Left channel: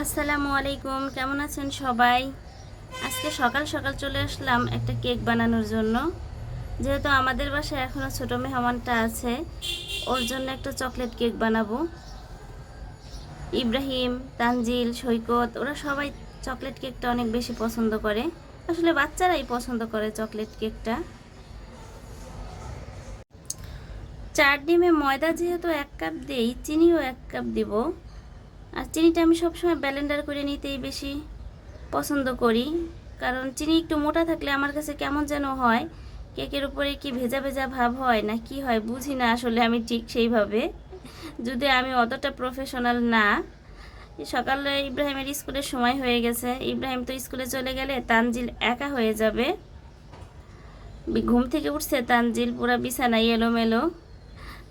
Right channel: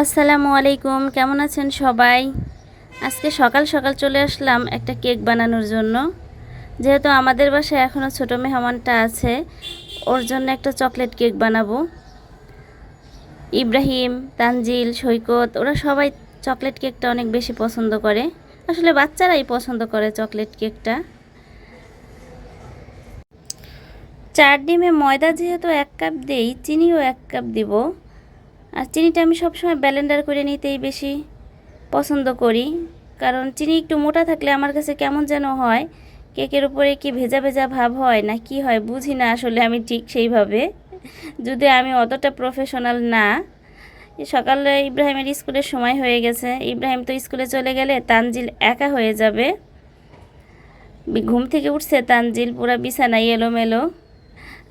আসসালামু আলাইকুম, কেমন আছেন সবাই? আজকে সকাল সকাল চলে আসলাম একটা কেক বানানোর জন্য। যেহেতু আমাদের বাসায় এখনও ছোটো মেহমানটা আছে, ওর জন্য একটা চকলেট কেক বানাবো। ইব্রাহিম, তানজিল, সৈকত ওরা সবাই চকলেট কেকটা অনেক বেশি পছন্দ করে। আসলে বাচ্চারাই পছন্দ করে চকলেট কেকটা। 4 ডিমে ময়দা যেহেতু 1 কাপ দেই, চিনিও 1 কাপ দিব। আর চিনিটা আমি সবসময় ব্লেন্ডার করে নিতেই বেশি পছন্দ করি, কারণ চিনি একটু মোটা থাকলে আমার কাছে কেমন যেন হয়। কেকের উপরে কি ভেজা ভেজা ভাব হয় না কি হয় বুঝি না আসলে আমি ঠিক সেইভাবে, যদি আমি অতটা প্রফেশনাল না। সকালে ইব্রাহিমের স্কুলের সময় হয়ে গেছে, ইব্রাহিম তো স্কুলে চলে গেলে তানজিল একা হয়ে যাবে। ঘুম থেকে উঠছে তানজিল, পুরা বিছানায় এলোমেলো।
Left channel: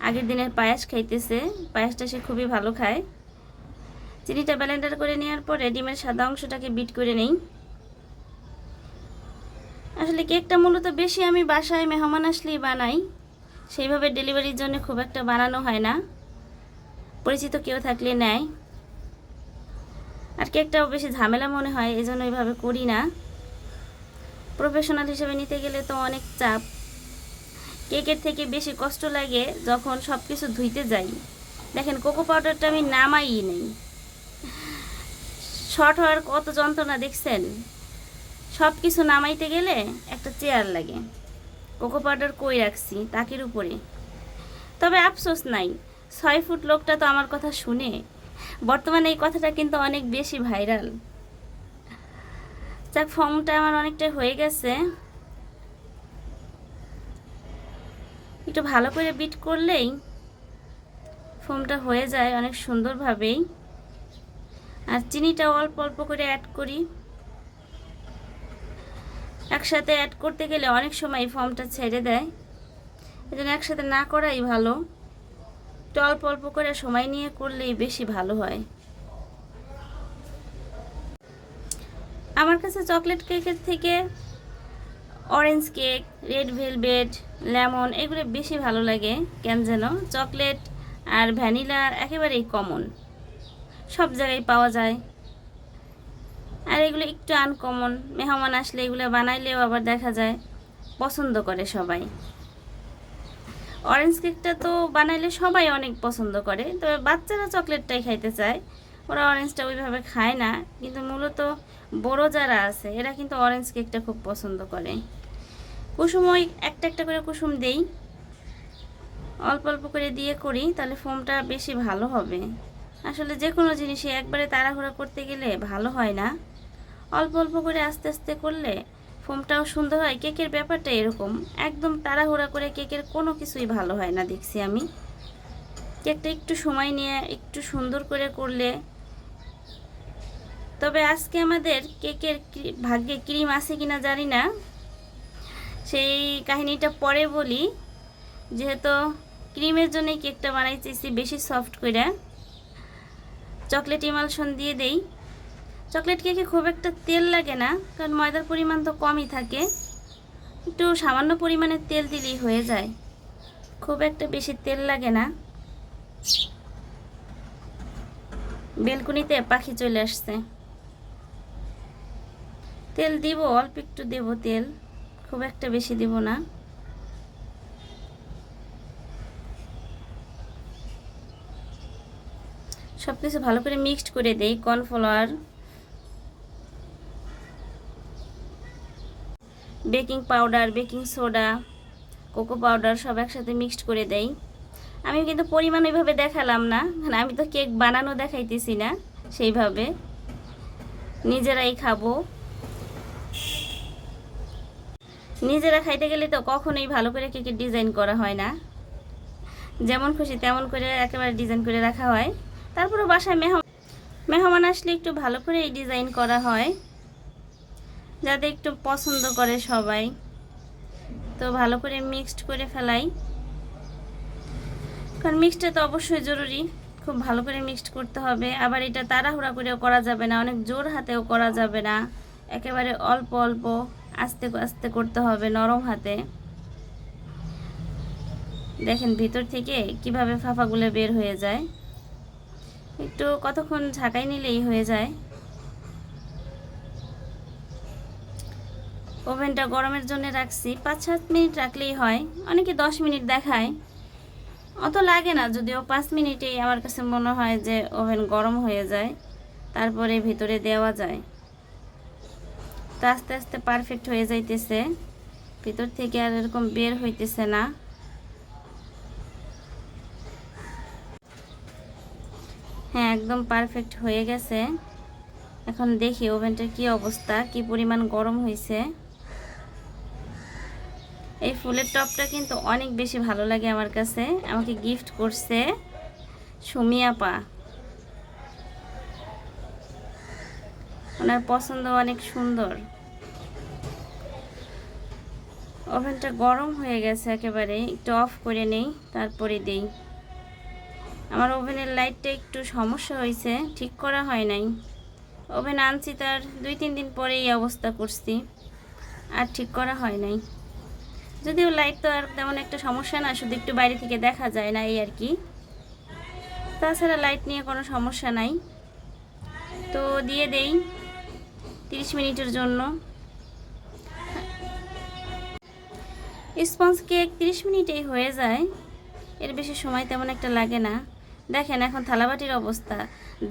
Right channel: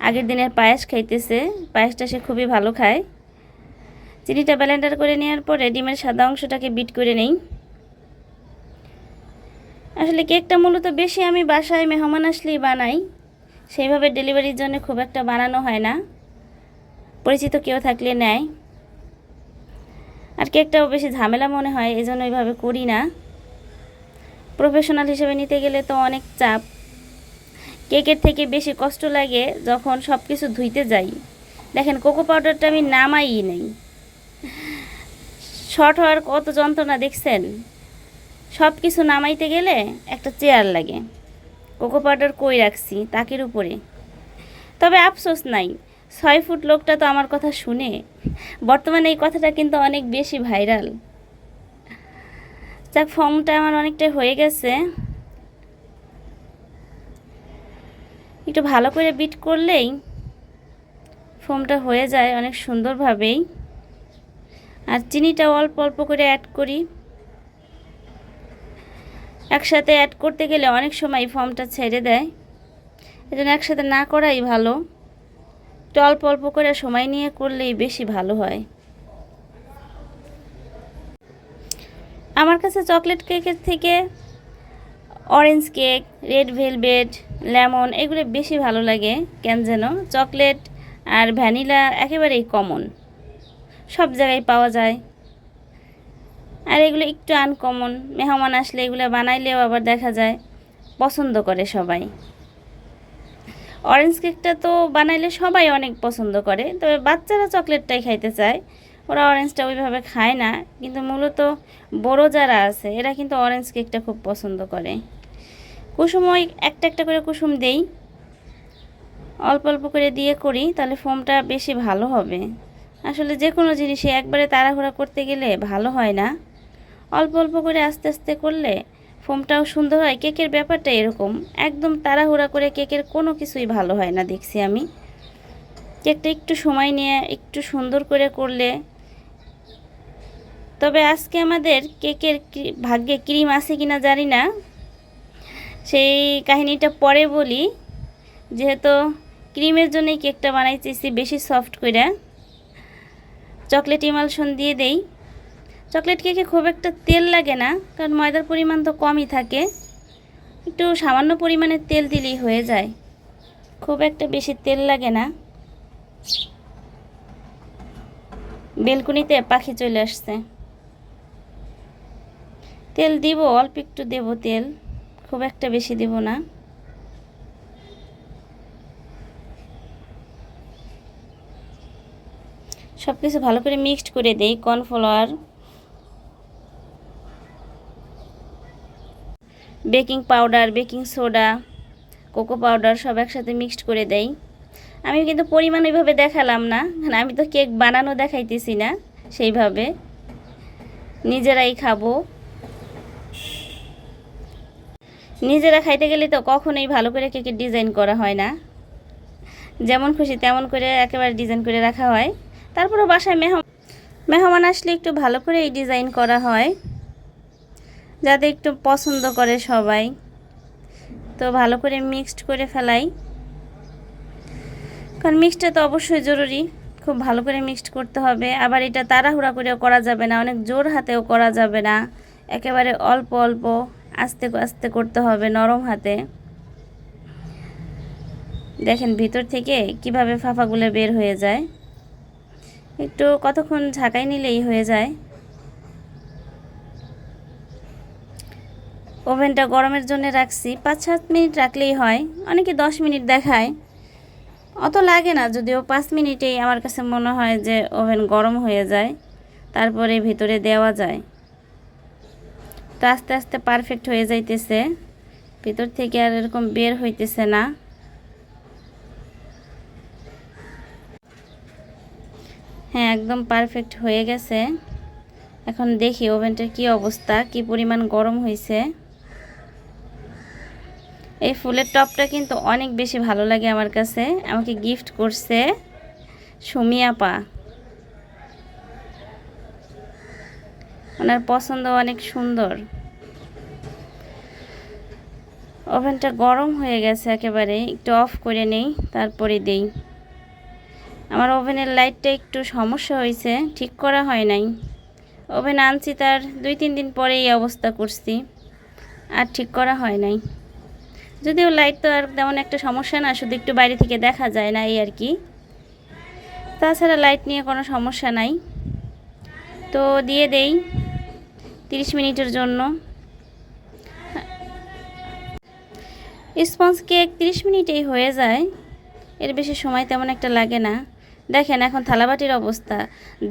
আগের দিনের পায়েস খাইতেছে, পায়েসটা সে খুবই ভালো খায়। চিনিটা ব্লেন্ডার করে নেওয়ার পরে ডিমের সাদা অংশটাকে বিট করে নেই। আসলে কেকটা মূলত বেশি আমি বাসায় মেহমান আসলেই বানাই, সেইভাবে ডেলিভারির জন্য খুব একটা বানানো হয় না, পরিচিত কেউ থাকলে নেয়। আর কেকটাও বেশি ঝামেলা মনে হয়, এই জন্য এইভাবে করি না। প্রফেশনাল হিসেবে নিতে গেলে তো অনেক চাপ। কেকের থেকে বেশি কষ্ট লাগে যখন সব কিছু ধুইতে যাই। দেখেন কোকো পাউডারটা আমি নামাই নেই, শর্ট হওয়ার কত যন্ত্রণা দেখছেন। সব কিছু নামাইতে গেলে একটা চেয়ার লাগে। কোকো পাউডার কই রাখছি তাকের উপরে। তবে আফসোস নাই, 6 ফুট লোকটা তো আমার কথা শুনে। বর্তমানে এই কথাটা কিন্তু অনেক বেশি ভাইরাল। যাক, ফর্মটা আমার অনেকটাই হয়ে গেছে। একটু ভালো করে বিট করলেই ফর্মটা হয়ে যায় অনেক সুন্দরভাবেই। আর চিনিটা অল্প অল্প করে অ্যাড করি, একসাথে অ্যাড করতে গেলে অনেক সময় ফর্মটা ছেড়ে দেয়, এজন্য একসাথে না করাই ভালো। একটু অল্প অল্প করে সময় নিয়ে করলেই বেশি ভালো হয়। আমার কাছে চকলেট কেকের থেকে orange cake, red velvet, lemon এগুলো বেশি ভালো লাগে কেন যেন। চকলেট আর ভ্যানিলা একেবারেই কমন, সব জায়গায় পাওয়া যায়। আর এগুলো একটু আনকমন, মেহমান আসলে এগুলো বানাইলেও আবার দেখা যায় পছন্দ করে সবাই। অরেঞ্জ কেকটা তো বানাইলে সবাই অনেক পছন্দ করে, তবে বাচ্চারা চকলেটটাই খাইতে চায়, ওরা অরেঞ্জটা ওইভাবে খায় না। কিন্তু মূলত বড় যারা আছে এরা কিন্তু অরেঞ্জ কেকটা খুব পছন্দ করে। কুসুম ওই একটা একটা করে কুসুম দেই, অল্প অল্প করে দিয়ে করি, তাহলে ফোমটা বেশি ভালো হবে। আসলে যে কোনো জিনিসই একবারে তাড়াহুড়া করতে গেলে ভালো হয় না, অল্প অল্প করে আস্তে আস্তে করলে ফোমটাও সুন্দর হয়। কেকের ব্যাপারটা এরকম, একদম তাড়াহুড়া করে কেকের কোনো কিছুই ভালো হয় না দেখছি আমি। কেকটা একটু সময় নিয়ে একটু সুন্দর করে করলে। তবে আজকে আমাদের কেকের ভাগ্যে ক্রিম আছে কিনা জানি না, সেই কাহিনীটা পরে বলি। যেহেতু ক্রিমের জন্যই কেকটা বানাইতেছি বেশি সফট করে, চকলেট ইমালশন দিয়ে দেই। চকলেট কেকে খুব একটা তেল লাগে না, কারণ ময়দার পরিমাণ তো কমই থাকে, একটু সামান্য পরিমাণে তেল দিলেই হয়ে যায়, খুব একটা বেশি তেল লাগে না। বেলকুনিতে পাখি চলে আসছে। তেল দিব, অল্প একটু দেব তেল, খুব একটা বেশি দেব না। সব কিছু ভালো করে মিক্সড করে দেই। Cornflour, baking powder, baking soda, cocoa powder সব একসাথে মিক্সড করে দেই। আমি কিন্তু পরিমাণ ওইভাবে দেখালাম না, কারণ আমি তো কেক বানানো দেখাইতেছি না সেইভাবে, নিজেরাই খাবো। নিজেরা খাইতে গেলে তো কখনোই ভালো করে কেকের ডিজাইন করা হয় না, যেমন খুশি তেমন করে একেবারে ডিজাইন করে রাখা হয়। তারপরও বাসায় মেহমান আসলে একটু ভালো করে এই ডিজাইন করা হয়, যাতে একটু পছন্দ করে সবাই। তো ভালো করে মিক্সড করে ফেলাই, কারণ মিক্সডটা তো অবশ্যই জরুরি, খুব ভালো করে মিক্সড করতে হবে। আবার এটা তাড়াহুড়া করেও করা যাবে না, অনেক জোর হাতেও করা যাবে না, একেবারে অল্প অল্প আস্তে আস্তে করতে হবে, নরম হাতে। দেখেন ভিতর থেকে কিভাবে ফাফাগুলো বের হয়ে যায়। একটু কতক্ষণ ঝাঁকাই নিলেই হয়ে যায়। ওভেনটা গরমের জন্য রাখছি, 5-7 মিনিট রাখলেই হয়। অনেকে 10 মিনিট দেখায়, অত লাগে না, যদিও 5 মিনিটেই আমার কাছে মনে হয় যে ওভেন গরম হয়ে যায়, তারপরে ভিতরে দেওয়া যায়। তো আস্তে আস্তে পারফেক্ট হয়ে যাইতেছে, ভিতর থেকে আর এরকম বের হইতেছে না। হ্যাঁ, একদম পারফেক্ট হয়ে গেছে। এখন দেখি ওভেনটার কি অবস্থা, কি পরিমাণ গরম হয়েছে। এই ফুলের টপটা কিন্তু অনেক বেশি ভালো লাগে আমার কাছে, আমাকে গিফট করছে সুমি আপা। ওনার পছন্দ অনেক সুন্দর। ওভেনটা গরম হয়ে গেছে একেবারে, একটু অফ করে নেই তারপরে দেই। আমার ওভেনের লাইটটা একটু সমস্যা হয়েছে, ঠিক করা হয় নাই। ওভেন আনছি তার 2-3 দিন পরে এই অবস্থা করছি, আর ঠিক করা হয় নাই। যদিও লাইট তো আর তেমন একটা সমস্যা না, শুধু একটু বাইরে থেকে দেখা যায় না এই আর কি। তাছাড়া লাইট নিয়ে কোনো সমস্যা নাই। তো দিয়ে দেই 30 মিনিটের জন্য। স্পঞ্জ কেক 30 মিনিটেই হয়ে যায়, এর বেশি সময় তেমন একটা লাগে না। দেখেন এখন থালাবাটির অবস্থা।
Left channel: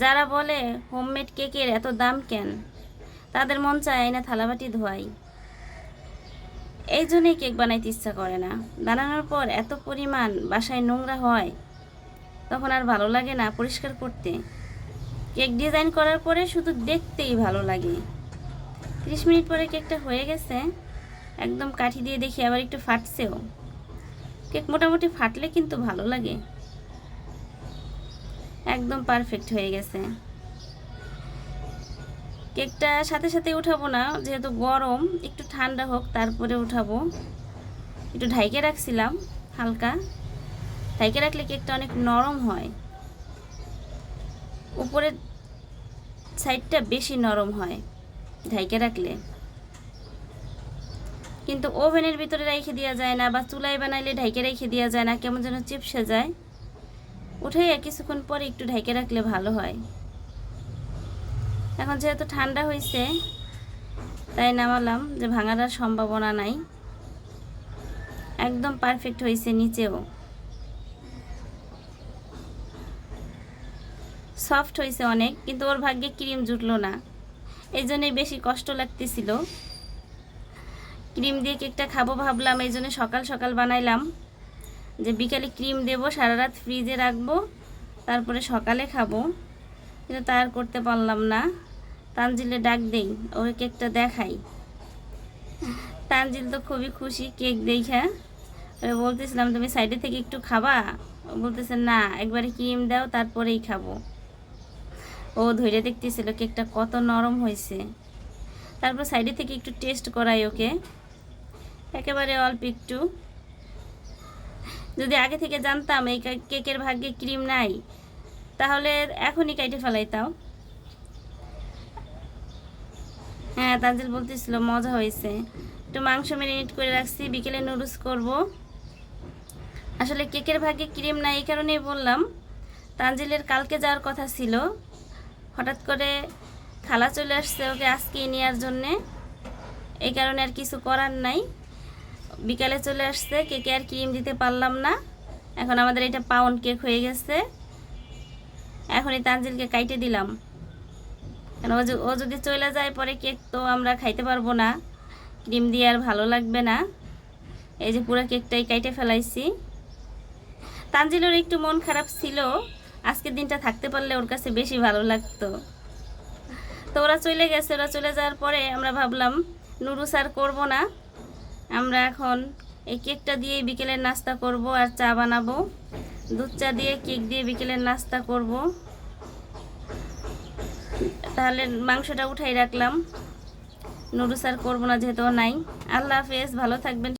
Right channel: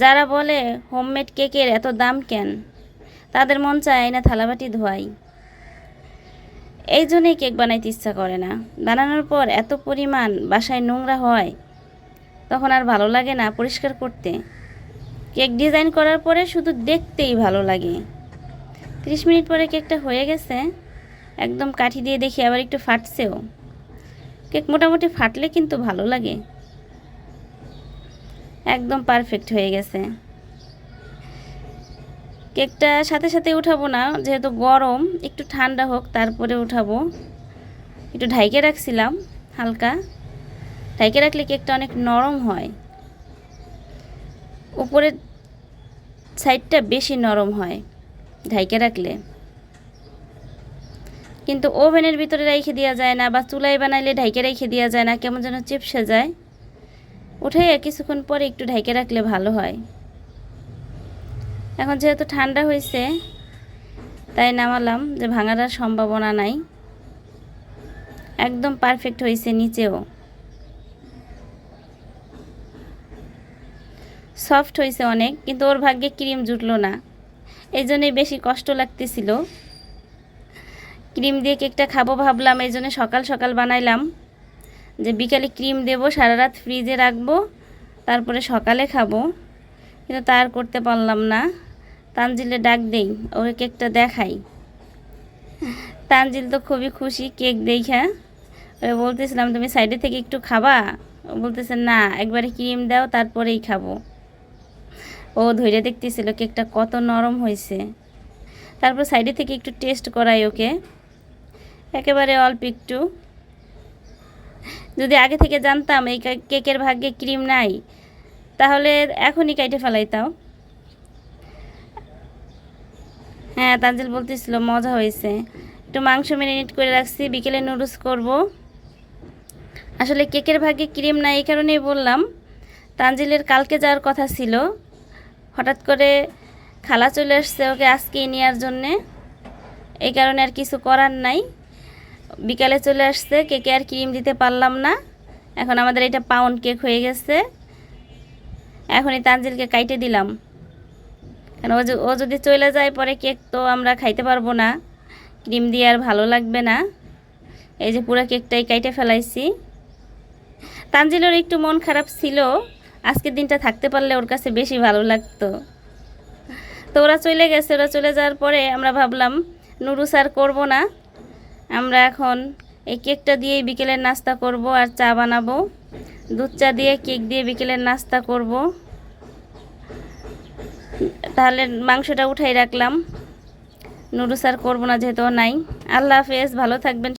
যারা বলে হোমমেড কেকের এত দাম কেন, তাদের মন চায় না থালাবাটি ধোয়াই। এই জন্যই কেক বানাইতে ইচ্ছা করে না। বানানোর পর এত পরিমাণ বাসায় নোংরা হয়, তখন আর ভালো লাগে না পরিষ্কার করতে। কেক ডিজাইন করার পরে শুধু দেখতেই ভালো লাগে। 30 মিনিট পরে কেকটা হয়ে গেছে। একদম কাঠি দিয়ে দেখি আবার একটু ফাটছেও। কেক মোটামুটি ফাটলে কিন্তু ভালো লাগে। একদম পারফেক্ট হয়ে গেছে। কেকটা সাথে সাথে উঠাবো না, যেহেতু গরম, একটু ঠান্ডা হোক তারপরে উঠাবো। একটু ঢাইকে রাখছিলাম, হালকা ঢাইকে রাখলে কেকটা অনেক নরম হয়। উপরের সাইডটা বেশি নরম হয় ঢাইকে রাখলে। কিন্তু ওভেনের ভিতরে রেখে দেওয়া যায় না, বা চুলায় বানাইলে ঢাইকে রেখে দেওয়া যায় না, কেমন যেন চিপসে যায়। উঠে কিছুক্ষণ পরে একটু ঢাইকে রাখলে ভালো হয়। এখন যেহেতু ঠান্ডা হয়েছে তাই নামালাম, যে ভাঙার আর সম্ভাবনা নাই। একদম পারফেক্ট হয়েছে, নিচেও সফট হয়েছে অনেক, কিন্তু ওর ভাগ্যে ক্রিম জুটলো না, এই জন্যই বেশি কষ্ট লাগতেছিল। ক্রিম দিয়ে কেকটা খাবো ভাবলাম, এই জন্য সকাল সকাল বানাইলাম, যে বিকালে ক্রিম দেবো, সারা রাত ফ্রিজে রাখবো, তারপরে সকালে খাবো। কিন্তু তার করতে পারলাম না। তানজিলে ডাক দেই, ওকে কেকটা দেখাই। তানজিল তো খুবই খুশি কেক দেখা। ওরা বলতেছিলাম তুমি সাইডে থেকে একটু খাবা, ও বলতেছে না, একবারে ক্রিম দাও তারপরেই খাবো। ও ধরে দেখতেছিল কেকটা কত নরম হয়েছে। তারপর সাইডে থেকে একটু টেস্ট করাই ওকে, একেবারে অল্প একটু। যদি আগে থেকে জানতাম এই কেকের ভাগ্যে ক্রিম নাই, তাহলে এখনই কাইটে ফেলাইতাম। হ্যাঁ, তানজিল বলতেছিল মজা হয়েছে। একটু মাংস ম্যারিনেট করে রাখছি, বিকেলে নুডলস করব। আসলে কেকের ভাগ্যে ক্রিম নাই এই কারণেই বললাম। তানজিলের কালকে যাওয়ার কথা ছিল, হঠাৎ করে খালা চলে আসছে ওকে আজকেই নেওয়ার জন্যে, এই কারণে আর কিছু করার নাই। বিকালে চলে আসছে, কেকে আর ক্রিম দিতে পারলাম না। এখন আমাদের এটা পাউন্ড কেক হয়ে গেছে। এখনই তানজিলকে কাইটে দিলাম, কেন ও যদি চলে যায় পরে কেক তো আমরা খাইতে পারবো না, ক্রিম দিয়ে আর ভালো লাগবে না। এই যে পুরো কেকটাই কাইটে ফেলাইছি। তানজিলের একটু মন খারাপ ছিল, আজকের দিনটা থাকতে পারলে ওর কাছে বেশি ভালো লাগতো। তো ওরা চলে গেছে, ওরা চলে যাওয়ার পরে আমরা ভাবলাম নুডলস আর করবো না, আমরা এখন এই কেকটা দিয়েই বিকেলের নাস্তা করব আর চা বানাবো। দুধ চা দিয়ে কেক দিয়ে বিকেলের নাস্তা করব। তাহলে মাংসটা উঠাই রাখলাম, নুডলস আর করবো না যেহেতু নাই। আল্লাহ হাফেজ, ভালো থাকবেন।